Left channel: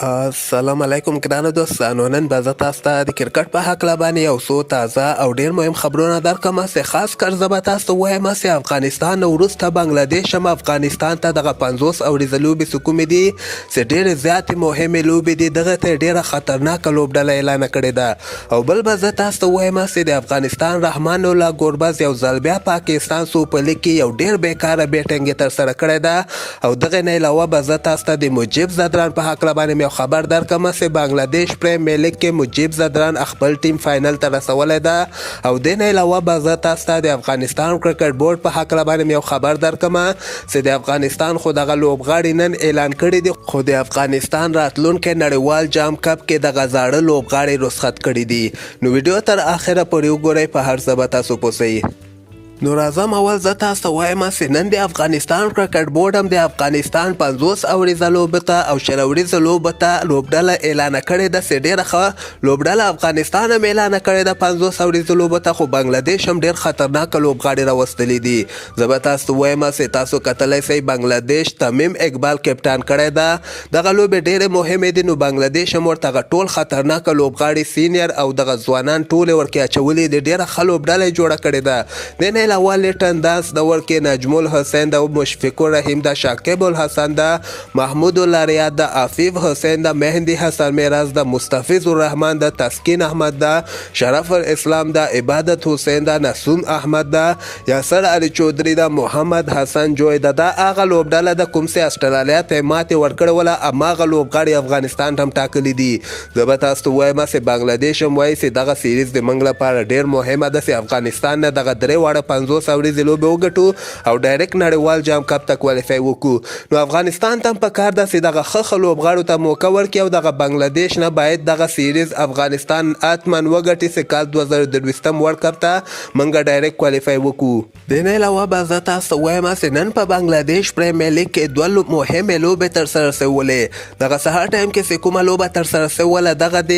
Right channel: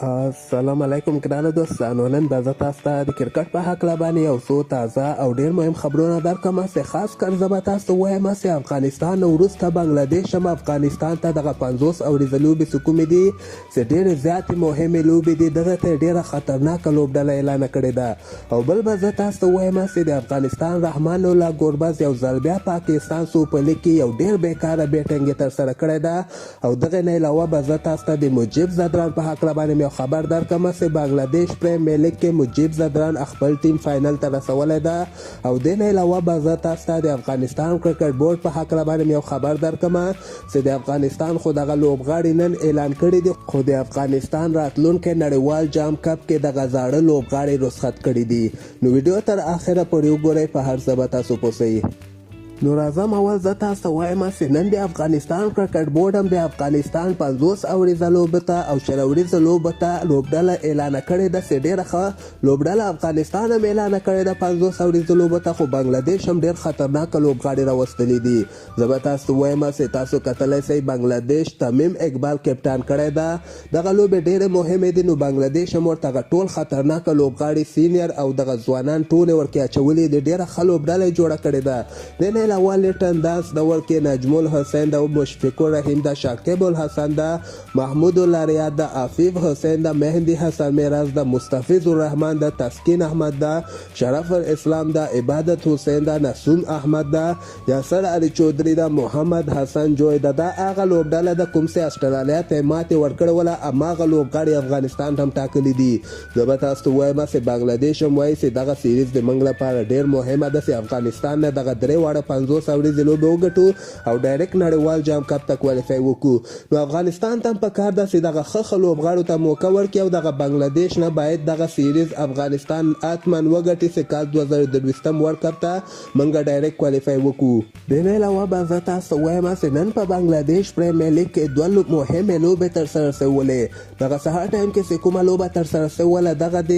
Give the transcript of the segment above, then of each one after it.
السلام علیکم ګرانو دوستانو. نن به زه تاسو ته د کرکټ په هکله باندې یو څو تازه او ډیر مهم خبرونه درکړم چې خاص کر زه به تاسو ته وایم چې افغانستان نه وروسته بنګلادیش هم افغانستان ته دغه 50 اوریزه لوبې چې کومې دي چې ډېرې زیاتې مهمې لوبې دي، دغه ته ډېره خطرناکه لوبډله اعلانه کړې ده. او بل به زه تاسو ته وایم چې د افغانستان رحمان الله ګوربز یو ځل بیا پاکستان سوپر لیګ کې یو ډېر بیکاره بیټینګ یې ترسره کړې ده. او دغه نه علاوه به زه تاسو ته د مجیب زدران په هکله باندې یو خبر درکړم چې بنګلادیش پریمیر لیګ کې مجیب زدران خپل ټیم فائنل ته رسولی ده. او د نه علاوه به زه تاسو ته د افغانستان کرکټ بورډ په هکله باندې یو خبر درکړم چې د افغانستان خو دغه لوبغاړي نن اعلان کړي دي، خو د افغانستان راتلونکي نړیوال جام کپ کې دغه زاړه لوبغاړي رخصت کړي دي. نو ویډیو تر اخره پورې وګورئ، په هر څه به تاسو پوهیږئ. نو راځم اول زه تاسو ته وایم چې نن د افغانستان کرکټ بورډ هم د افغانستان 50 اوریزه لوبې ته او 100 اوریزه لوبې ته لوبډله اعلانه کړې ده چې ډېره ښه لوبډله افغانستان هم اعلانه کړې ده 50 اوریزه لوبې ته، خو بنګلادیش هم ډېر خطرناکه لوبغاړي راوستلي دي. زه به تاسو ته وایم چې تاسو کتلی شئ بنګلادیش تمیم اقبال کپټان کړی ده. دغه لوبې ډېرې مهمې دي، نو بنګلادیش هم ورته ټول خطرناکه لوبغاړي سینیر او دغه ځوانان ټولې ورکې اچولي دي، ډېره ښه لوبډله یې جوړه کړې ده. د علاوه لیټن داس د ورکې نجم الحسین د مشفق الرحیم د شاکب الحسن د محمود الریاض د عفیف حسین د مهدی حسن میراز د مستفیض الرحمن د تسکین احمد د شرف الاسلام د عبادت حسین د نسوم احمد د یاسر علي چودري د محمد حسن جوی د هغه لوبډله د کوم چې استرالیا ته ماتې ورکړې وله، هماغه لوبغاړي افغانستان هم ټاکلي دي. زه به تاسو ته وایم چې بنګلادیش هم وایي چې دغه سیریز د موږ لپاره ډېر مهمه ده چې افغانستان نه دغه درې واړه 50 اوریزې لوبې وګټو او ډایرکټ نړیوال جام کپ ته کوالیفای وکړو. نو افغانستان ته هم پکار ده چې دغه ښه لوبغاړو ته موقع ورکړي او دغه بنګلادیش نه باید دغه سیریز افغانستان حتما وګټي چې کال 2023 ورلډ کپ ته موږ ډایرکټ کوالیفای وکړو. د نه علاوه به زه تاسو ته وایم چې نن په بنګلادیش پریمیر لیګ کې دوه مهمې لوبې ترسره شولې. دغه سهار ټایم کې چې کومه لوبه ترسره شوله دغه د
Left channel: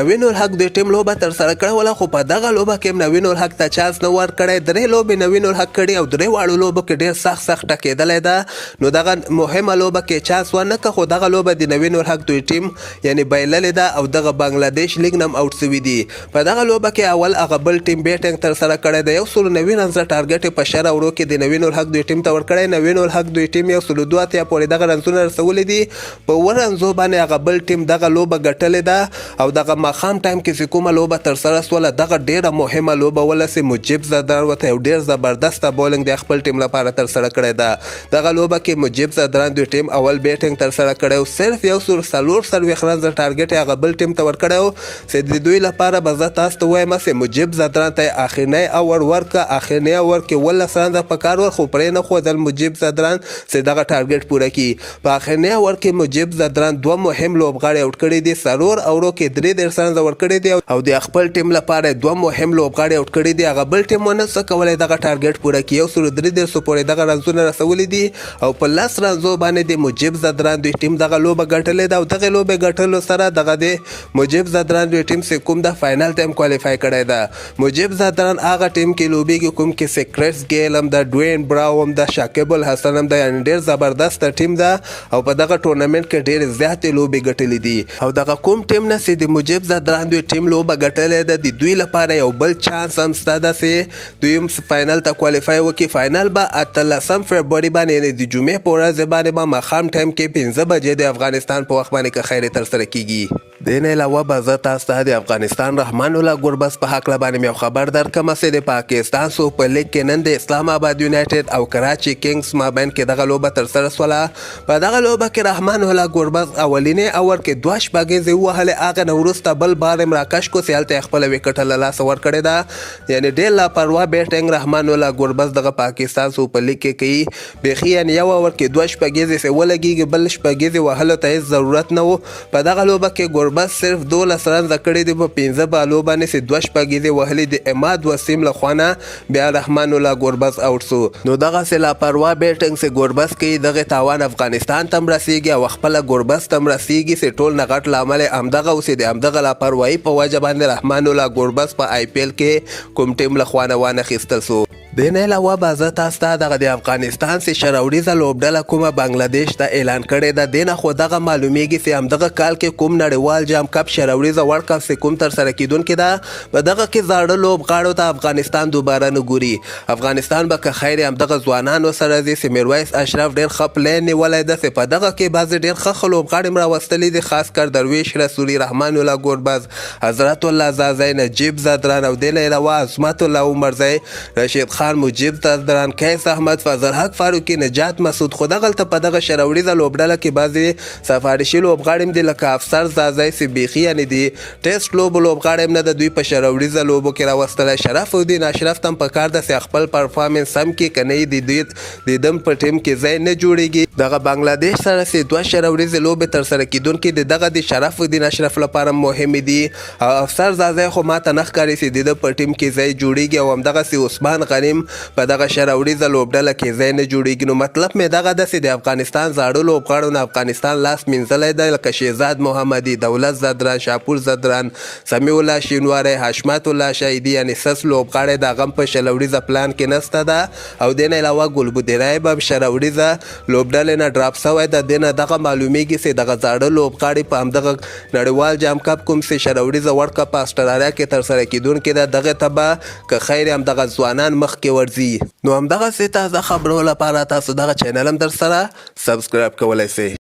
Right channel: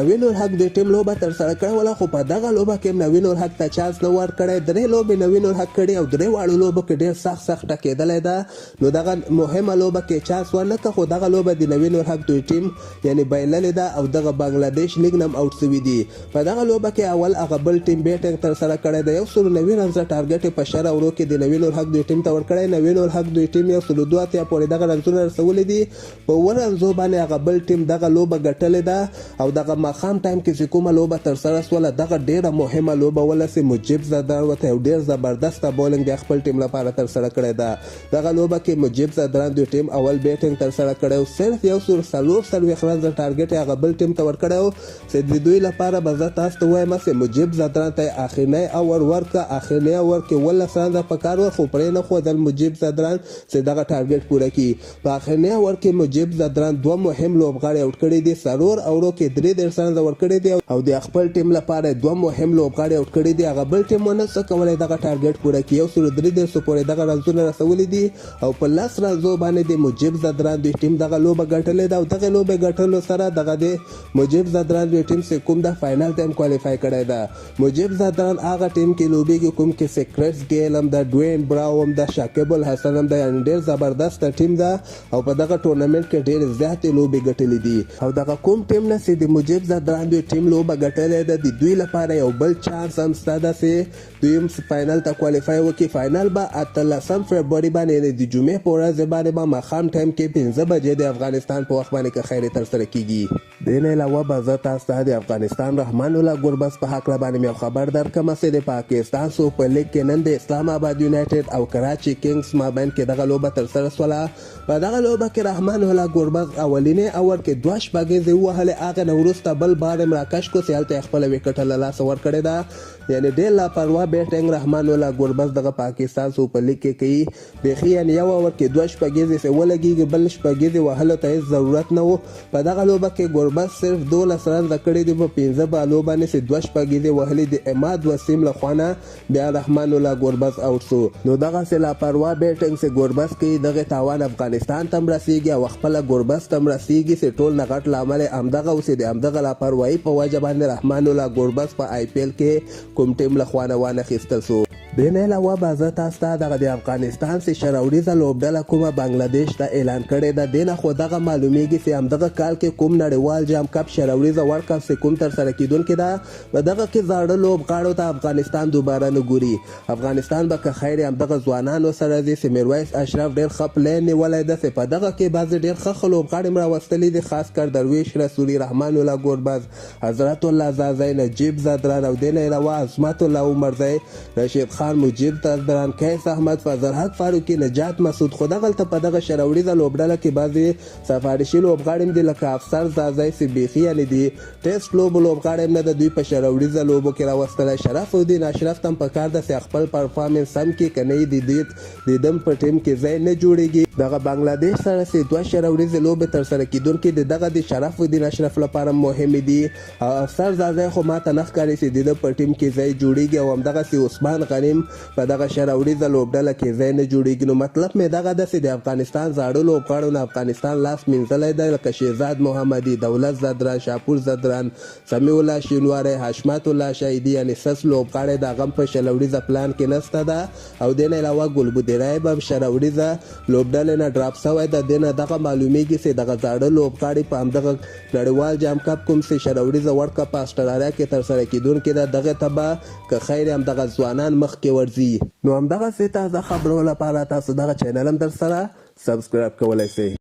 نوین الحق د ټیم لوبه ترسره کړې وله، خو په دغه لوبه کې نوین الحق ته چانس نه ورکړی. درې لوبې نوین الحق کړي او درې واړو لوبو کې ډېر سخت ټکېدلی ده. نو دغه مهمه لوبه کې چانس ونه کړه، خو دغه لوبه د نوین الحق دوی ټیم یعنی بایللې ده او دغه بنګلادیش لیګ نه هم اوټ سوي دي. په دغه لوبه کې اول هغه بل ټیم بیټینګ ترسره کړی ده، 190 رنزه ټارګټ یې په 10 اورو کې د نوین الحق دوی ټیم ته ورکړی. نوین الحق دوی ټیم 102 اتیا پورې دغه رنزونه رسولي دي، په 1 رنزو باندې هغه بل ټیم دغه لوبه ګټلې ده. او دغه ماښام ټایم کې چې کومه لوبه ترسره سوله دغه ډېره مهمه لوبه وله چې مجیب زدران ورته یو ډېر زبردسته بولینګ د خپل ټیم لپاره ترسره کړی ده. دغه لوبه کې مجیب زدران دوی ټیم اول بیټینګ ترسره کړی او صرف 140 رنزه ټارګټ یې هغه بل ټیم ته ورکړی و چې د دوی لپاره به زه تاسو ته وایم چې مجیب زدران ته اخرنی اور ورکړه. اخرنی اور کې 18 رنزه پکار ور، خو پرې نه ښودل مجیب زدران چې دغه ټارګټ پوره کړي. په اخرنی اور کې مجیب زدران دوه مهم لوبغاړي اوټ کړي دي، څلور اورو کې 33 رنزه ورکړي دي او د خپل ټیم لپاره دوه مهم لوبغاړي اوټ کړي دي. هغه بل ټیم ونه څه کولی دغه ټارګټ پوره کړي، 133 پورې دغه رنزونه رسولي دي او په 10 رنزو باندې د مجیب زدران دوی ټیم دغه لوبه ګټلې ده. او دغه لوبه ګټلو سره دغه د مجیب زدران دوی ټیم چې کوم د فائنل ته هم کوالیفای کړی ده. مجیب زدران هغه ټیم کې لوبېږي کوم کې سیکرټس ګیل هم د ډوین براو هم د شاکب الحسن هم د ډېر زبردست ټیم ده او په دغه ټورنمنټ کې ډېرې زیاتې لوبې ګټلې دي. او دغه کوم ټیم نه چې د مجیب زدران دوی ټیم لوبه ګټلې ده د دوی لپاره یو بل چانس هم شته ده چې دوی هم فائنل ته کوالیفای وکړي. فائنل به 18 فبروري باندې د جمعې په ورځ باندې به ماښام ټایم کې 15 بجې د افغانستان په وخت باندې که خیر ترسره کیږي. د نه علاوه به زه تاسو ته د افغانستان رحمان الله ګوربز په هکله باندې یو خبر درکړم چې د پاکستان سوپر لیګ کې نن د اسلام آباد یونایټډ او کراچي کینګز مابین کې دغه لوبه ترسره سوله. په دغه لوبه کې رحمان الله ګوربز اولینی اور کې 2 شپږیزې ووهلې، هغه نه وروسته بل بار یې راکش کو چې هلته یې خپله وکټه له لاسه ورکړې ده. یعنې ډېر لاپروا بیټینګ رحمان الله ګوربز دغه پاکستان سوپر لیګ کې کوي. بیخي یعنې یو اور کې 2 شپږیزې چې ولګېږي، بل شپږیزې وهلو ته هېڅ ضرورت نه و. په دغه لوبه کې ګوربز صرف 12 رنزه کړي دي په 15 بالو باندې چې 2 شپږیزې وهلې د عماد وسیم له خوا نه بیا رحمان الله ګوربز اوټ سو. نو دغسې لاپروا بیټینګ چې ګوربز کوي دغه تاوان افغانستان ته هم رسېږي او خپله ګوربز ته هم رسېږي چې ټول نه غټ لامل یې همدغه و چې د همدغه لاپروایي په وجه باندې رحمان الله ګوربز په IPL کې کوم ټیم له خوا نه وانخیستل سو. د نه علاوه به زه تاسو ته دغه د افغانستان سي شراوړیزه لوبډله کومه بنگلاديش ته اعلان کړی ده. د نه خو دغه معلومیږي چې همدغه کال کې کوم نړیوال جام کپ شراوړیزه ورلډ کپ چې کوم ترسره کیدونکې ده په دغه کې زاړه لوبغاړو ته افغانستان دوباره نه ګوري. افغانستان به که خیر همدغه ځوانانو سره ځي چې میرویس اشرف ډېر ښه پلین نیولی ده چې په دغه کې بعضې ډېر ښه لوبغاړي هم راوستلي دي، خاص کر درویش رسولي، رحمان الله ګوربز، حضرت الله زازی، نجیب زدران او د نه علاوه عصمت الله عمرزی، رشید خان، مجیب زدران، کیس احمد، فضل حق فاروقي، نجات مسعود. خو دغلته په دغه شراوړیزه لوبډله کې بعضې سفارشي لوبغاړي هم دي لکه افسر زازی چې بیخي یعنې د ټیسټ لوبغاړي هم نه ده، دوی په شراوړیزه لوبو کې راوستلی. شرف الدین اشرف ته هم پکار ده چې خپل پرفارمنس هم کې که نه یې د دم په ټیم کې ځای نه جوړیږي. دغه بنگلاديش سره چې دوه شراوړیزې لوبې ترسره کیدونکې د دغه د شرف الدین اشرف لپاره مهمې دي. او افسر زازی خو ماته نه ښکاري چې د ده په ټیم کې ځای جوړیږي او همدغسې عثمان غنیم په دغه شراوړیزه لوبډله کې ځای نه جوړیږي. نو مطلب مې دغه ده چې د افغانستان زاړه لوبغاړو نه افغانستان لاس مینځلی دی لکه شهزاد محمدي، دولت زدران، شاپور زدران، سمیع الله شینواری، حشمت الله شهیدي، یعنې سس لوبغاړی د هغه هم په شراوړیزه پلان کې نسته ده. او د نه علاوه ګلبودیری به شراوړیزه لوبډلې نه ډراپ سوی ده. د نه دغه معلومیږي چې دغه زاړه لوبغاړي په همدغه نړیوال جام کپ کوم چې شراوړیزه ورلډ کپ په اسټرالیا کې ترسره کیدونکې ده دغې ته به که خیر همدغه ځوانان مخکې ورځي. نو همدغسې تازه خبرو لپاره تاسو دغه چینل هم در سره سبسکرایب کولی سئ.